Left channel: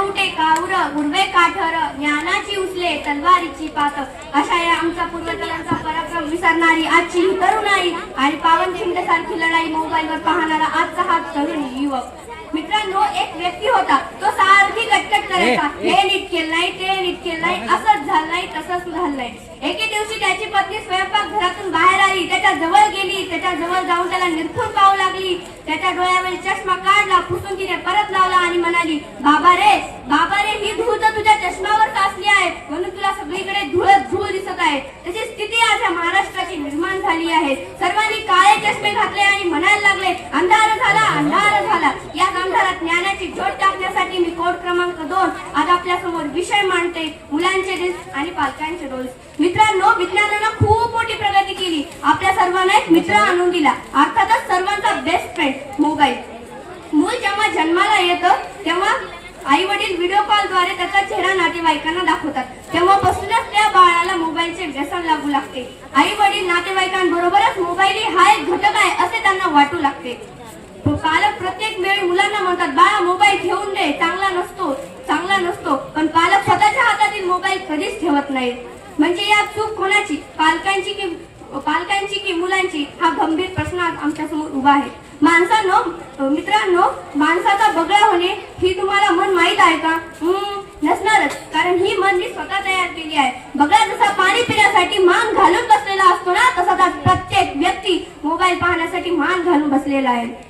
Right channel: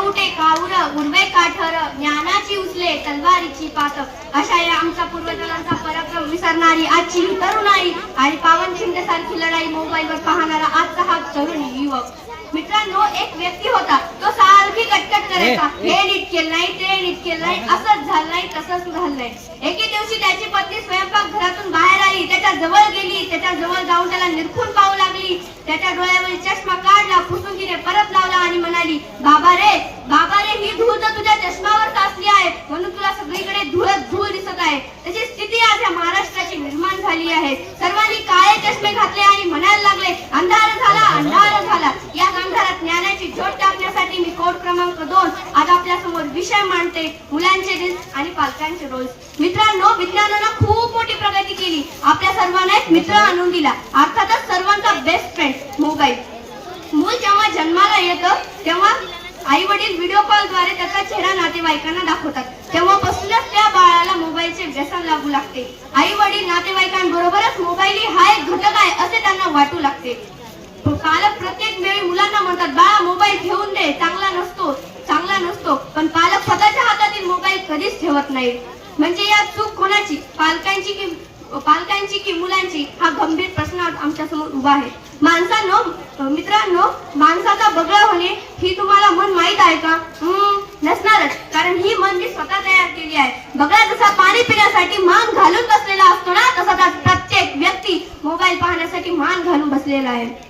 उठे काऊर उडवे काठर ज्ञानाची उचले तलवारीची पात अशा या आमच्या पूर्वजांचा पराक्रम विसरणारी आजची तरुणाई आणि पावन सारखी लढाई मोबाईलवर पाहणारा आजचा हा तरुण युवक. मित्रांनो एक व्यक्ती होता. तो सारखी कटकट करायचा. हे नीट केलं नाही ते नीट केलं नाही असंच झालं नाही तसंच झालं नाही एके दिवशी त्याची पत्नी स्वयंपाक घरातून बाहेर आली त्याच्याजवळ गेली त्याच्याजवळ जाऊन त्याला निरखून पाहू लागली. त्याच्या डोळ्यामध्ये चष्मा काढला फुटून तिने परत लावला आणि म्हणाली बाबा रे बाबा रे ही धूळ तर तुझ्या चष्मावर साचली आहे. म्हणून तुला सगळीकडे धुळत धूळ दिसत आहे. त्याची स्थिती आज या महाराष्ट्राची निर्माण झाली आहे. सर्वांनी काळे चष्मे घातले आणि म्हणायला लागले अंधार झाला अंधार झाला. या अंधारात ज्ञानाची झोट टाकण्यासाठी मी कोड क्रमांक दोन आज आपल्यासमोर विषय मांडते. मुलांचे दिस आणि पालकांचे रोल्स मित्रांनो विज्ञानाला खूप मोठी प्रगती केली. आपल्या सर्वांना एक मित्र आणून दिला. अर्थातच सर्वांचा बेस्ट फ्रेंड मोबाईल. मूल जेव्हा जन्माला येतं तेव्हा आई वडील व्हिडिओ कॉलद्वारे त्याचा चेहरा नातेवाईकांना दाखवतात. तेव्हापासूनच त्या बाळाला मोबाईलचे व्यसन लागू लागते. आई वडील नातेवाईकांबरोबरच मोबाईल ही हा एक घटक आहे असे त्यांना वाटू लागते. पालक प्रत्येक वेळी मुलांना म्हणतात बाळा मोबाईल घेऊन दे चांगला नसतो चांगला नसतो. पण पालक स्वतःच्या हातातील मोबाईल कधीच ठेवत नाही. म्हणजे या चूक कोणाची? पालकांची की पालकांची की मुलांची? हा गंभीर प्रश्न आमच्यासमोर उभा आहे. माणसानो मित्रांनो माणसाचा बगळा होणे ही तुम्हाला मन माहीत आहे का? हम्म, नसणारच. कारण ही मन मी स्वतः तयार केली आहे. बगळा जसा पाणी पिण्यासाठी मान घालून बसलेला असतो ना तसा प्रत्येक व्यक्ती मोबाईल पाहण्यासाठी मान घालून बसलेला आहे.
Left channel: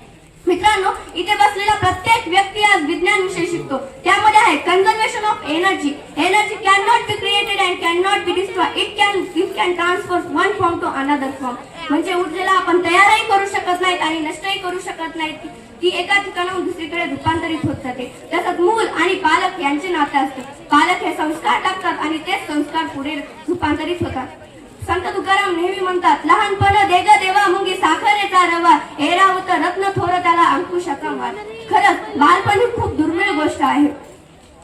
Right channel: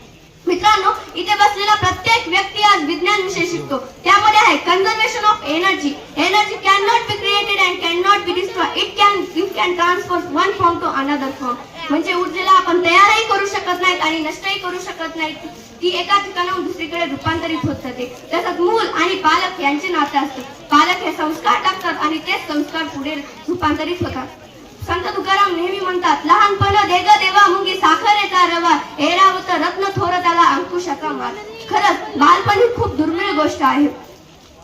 मित्रांनो इथे बसलेला प्रत्येक व्यक्ती आज विज्ञान विषय शिकतो. त्यामध्ये आहे conservation of energy energy can not be created and can not be destroy it can it can transfer one form to another form म्हणजे ऊर्जेला आपण तयारही करू शकत नाही आणि नष्टही करू शकत नाही ती एका ठिकाणाहून दुसरीकडे रूपांतरित होत जाते. तसंच मूल आणि पालक यांचे नाते असते. पालक हे संस्कार टाकतात आणि तेच संस्कार पुढे रूपांतरित होतात. संत तुकाराम नेहमी म्हणतात लहानपण देग देवा मुंगी साखरेचा रवा. एरावत रत्न थोर त्याला अंकुशा मार खरंच बालपण ही खूप दुर्मिळ गोष्ट आहे.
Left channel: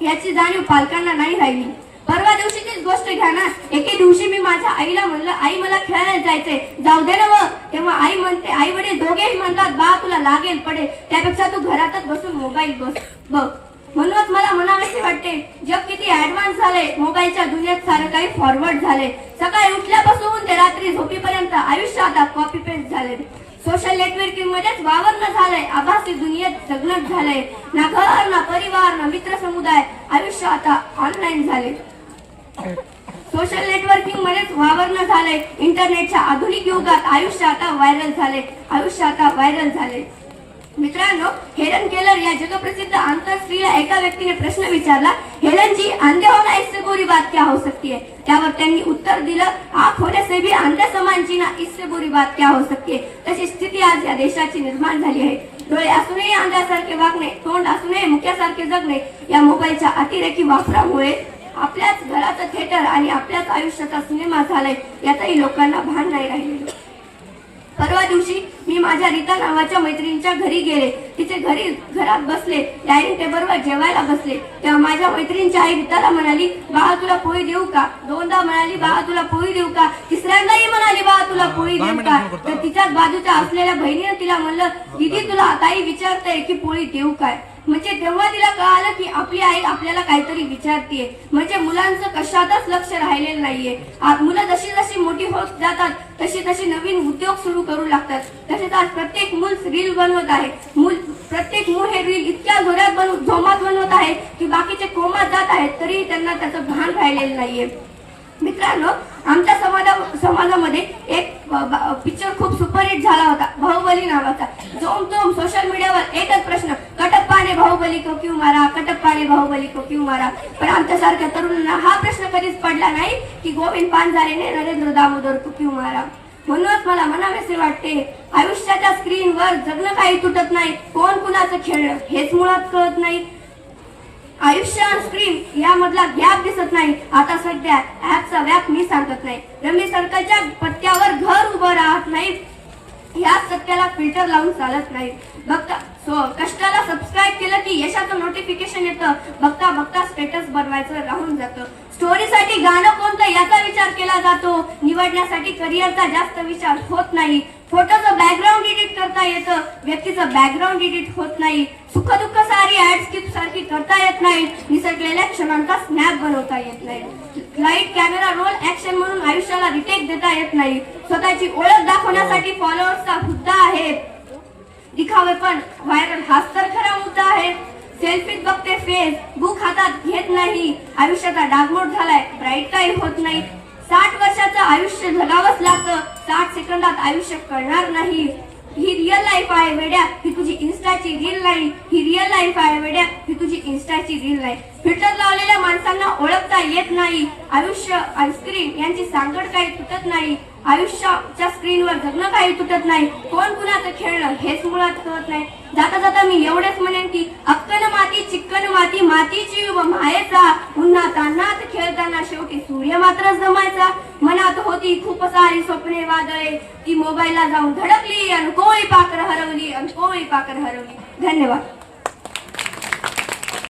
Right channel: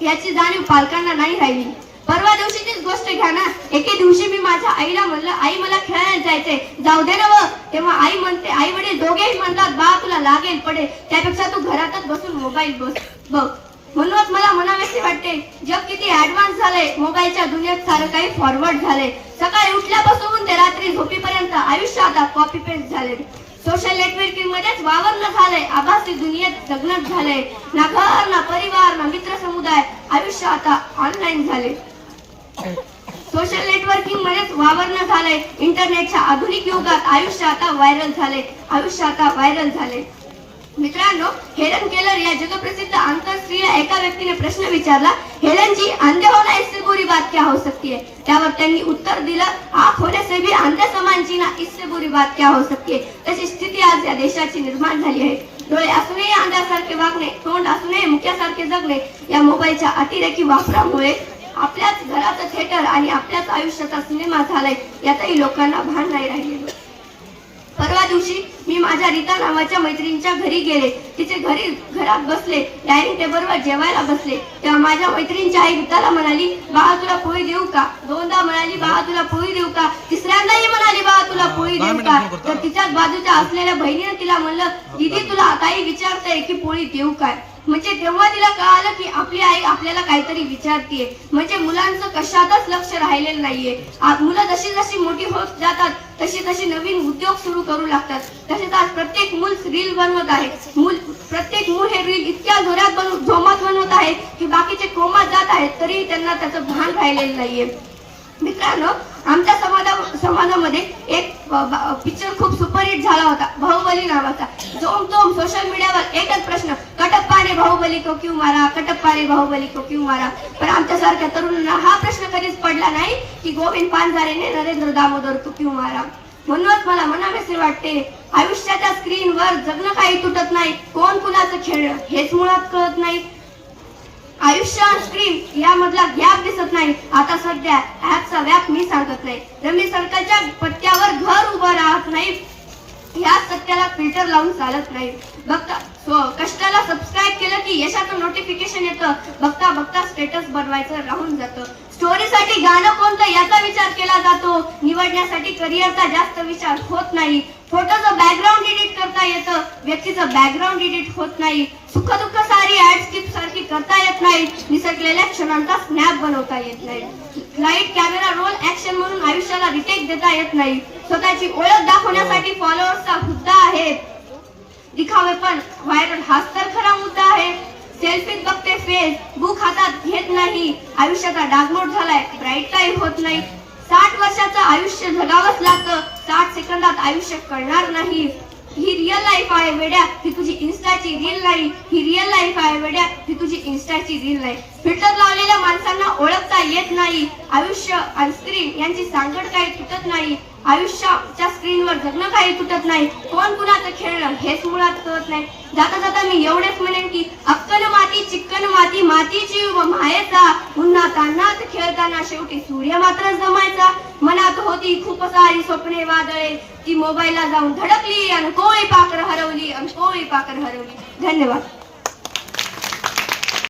याची जाणीव पालकांना नाही राहिली. परवा दिवशीचीच गोष्ट घ्या ना. एके दिवशी मी माझ्या आईला म्हणलं आई मला खेळायला जायचंय. जाऊ दे ना व." तेव्हा आई म्हणते आई वडील दोघेही म्हणतात बा तुला लागेल पडेल. त्यापेक्षा तू घरातच बसून मोबाईल बस बघ. म्हणूनच मला म्हणावेसे वाटते जग किती ऍडव्हान्स झाले मोबाईलच्या दुनियेत सारं काही फॉरवर्ड झाले सकाळी उठल्यापासून ते रात्री झोपीपर्यंत आयुष्य आता कॉपी पेस्ट झाले सोशल नेटवर्किंग मध्येच वावरणं झालंय आभासी दुनियेत जगणत झालंय. ना घर ना परिवार ना मित्र समुदाय आयुष्य आता ऑनलाईन झाले सोशल नेटवर्किंग मध्येच वावरणं झालंय. इंटरनेटच्या आधुनिक युगात आयुष्य आता व्हायरल झाले आयुष्य आता व्हायरल झाले मित्रांनो हेलन केलर या जगप्रसिद्ध आंतरस्त्रीय एका व्यक्तीने प्रश्न विचारला हेलन जी अंधे होना इससे बुरी बात क्या हो सकती है? त्यावर त्यांनी उत्तर दिलं आंख होने से भी अंधे समान जीना इससे बुरी बात क्या हो सकती है? तशी स्थिती आज या देशाची निर्माण झाली आहे. डोळे असूनही अंध्यासारखे वागणे तोंड असूनही मुक्यासारखे जगणे या मोबाईलच्या अतिरेकी वापरामुळे आपल्याच घराचं थिएटर आणि आपल्याच आयुष्याचा सिनेमा झालाय यातही लोकांना भान नाही राहिलेलं. परवा दिवशी माझ्या रीता नावाच्या मैत्रिणीच्या घरी गेले. तिचे घरी घरात बसले. डायनिंग टेबलवर जेवायला बसले. तेव्हा माझ्या मैत्रिणीची आई रीताला म्हणाली बाळा तुला पोळी देऊ का? दोनदा म्हणाली बाळा तुला पोळी देऊ का? तिसऱ्यांदाही म्हणाली बाळा तुला पोळी देऊ का? तर तिच्याच बाजूच्या असलेल्या बहिणीने तिला म्हणलं दीदी तुला ताई विचारते की पोळी देऊ काय? म्हणजे तेव्हा तिला कळालं की आपली आई आपल्याला काहीतरी विचारतीये. म्हणजे मुलांचं कशातच लक्ष राहिलेलं नाहीये. आज मुलं जशी जशी मोठी होत जातात तशी तशी नवीन उद्योग सुरू करू लागतात. तसेच आज प्रत्येक मूल रील बनवत आहे. मूल प्रत्येक मूल हे रील इतक्या जोरात बनव झोमात बनवत आहे की बाकीचे कोमात जात आहेत तरीही त्यांना त्याचं भान राहिलेलं नाहीये. मित्रांनो आमच्या समाजा समाजामध्ये एक पिक्चर खूप सुपरहिट झाला होता. बाहुबली नावाचा. जोम जोम सोशल मीडियावर एकच प्रश्न कटप्पा बाहुबली तो क्यू मारा? कटप्पा ने बाहुबली तो क्यू मारा? पण आमच्यासारख्या तरुणांना हा प्रश्न कधीच पडला नाही की गोविंद पानझारेने नरेंद्र दामोदर तो क्यू मारा? म्हणूनच मला म्हणावेसे वाटते आयुष्याच्या स्क्रीनवर जगणं काही तुटत नाही. कोण कुणाचं खेळलं हेच मुळात कळत नाही. आयुष्य आणि स्क्रीन यामधला गॅप दिसत नाही. आता सध्या ऍपचा व्याप मी सांगत नाही. रमी सर्कलच्या पत्त्यावर घर उभं राहत नाही. या सत्याला फिल्टर लावून चालत नाही. बघता कष्टाला सब की यशाचं नोटिफिकेशन येतं. बघता बघता स्टेटस बनवायचं राहून जातं. स्टोरीसाठी गाणं कोणतं याचा विचार केला जातो. निवडण्यासाठी करिअरचा जास्त विचार होत नाही. फोटोचं बॅकग्राऊंड एडिट करता येतं. व्यक्तीचं बॅकग्राऊंड एडिट होत नाही. सुख दुःख सारी ऍड स्किप सारखी करता येत नाही. निसटलेल्या क्षणांचा स्नॅप बनवता येत नाही. लाइट कॅमेरा रोल ऍक्शन म्हणून आयुष्याला रिटेक देता येत नाही. स्वतःची ओळख दाखवण्यासाठी फॉलोअर्सचा हुद्दा आहे. दिखावे पण व्हायरल हाच तर खरा मुद्दा आहे. सेल्फीत बघते फेस बुक हातात घेत नाही. आयुष्याचा डागमोड झालाय ब्राईट काही होत नाही. साठ वर्षाचं आयुष्य जगावंच लागतं. साठ सेकंदात आयुष्य कळणार नाही. ही रिअल लाईफ आहे वेड्या. ही तुझी इन्स्टाची रील नाही. ही रिअल लाईफ आहे वेड्या. तुझी इन्स्टाची रील नाही. फिल्टर लावलेल्या माणसांना ओळखता येत नाही. आयुष्य आणि स्क्रीन यांची सांगड काही तुटत नाही. आयुष्याच्या स्क्रीनवर जगणं काही तुटत नाही. कोण कुणाचं खेळणं हेच मुळात कळत नाही. जाता जाता मी एवढेच म्हणेन की अक्कन माती चिक्कन माती मातीची व मायेचा. उन्हा तान्हात खेळताना शेवटी सूर्य मात्र जमायचा. मनात होती खूप सारी स्वप्ने वादळे. ती मोबाईलला जाऊन धडकली आणि कोळी पाकर हरवली आणि कोळी पाकर हरवली. धन्यवाद.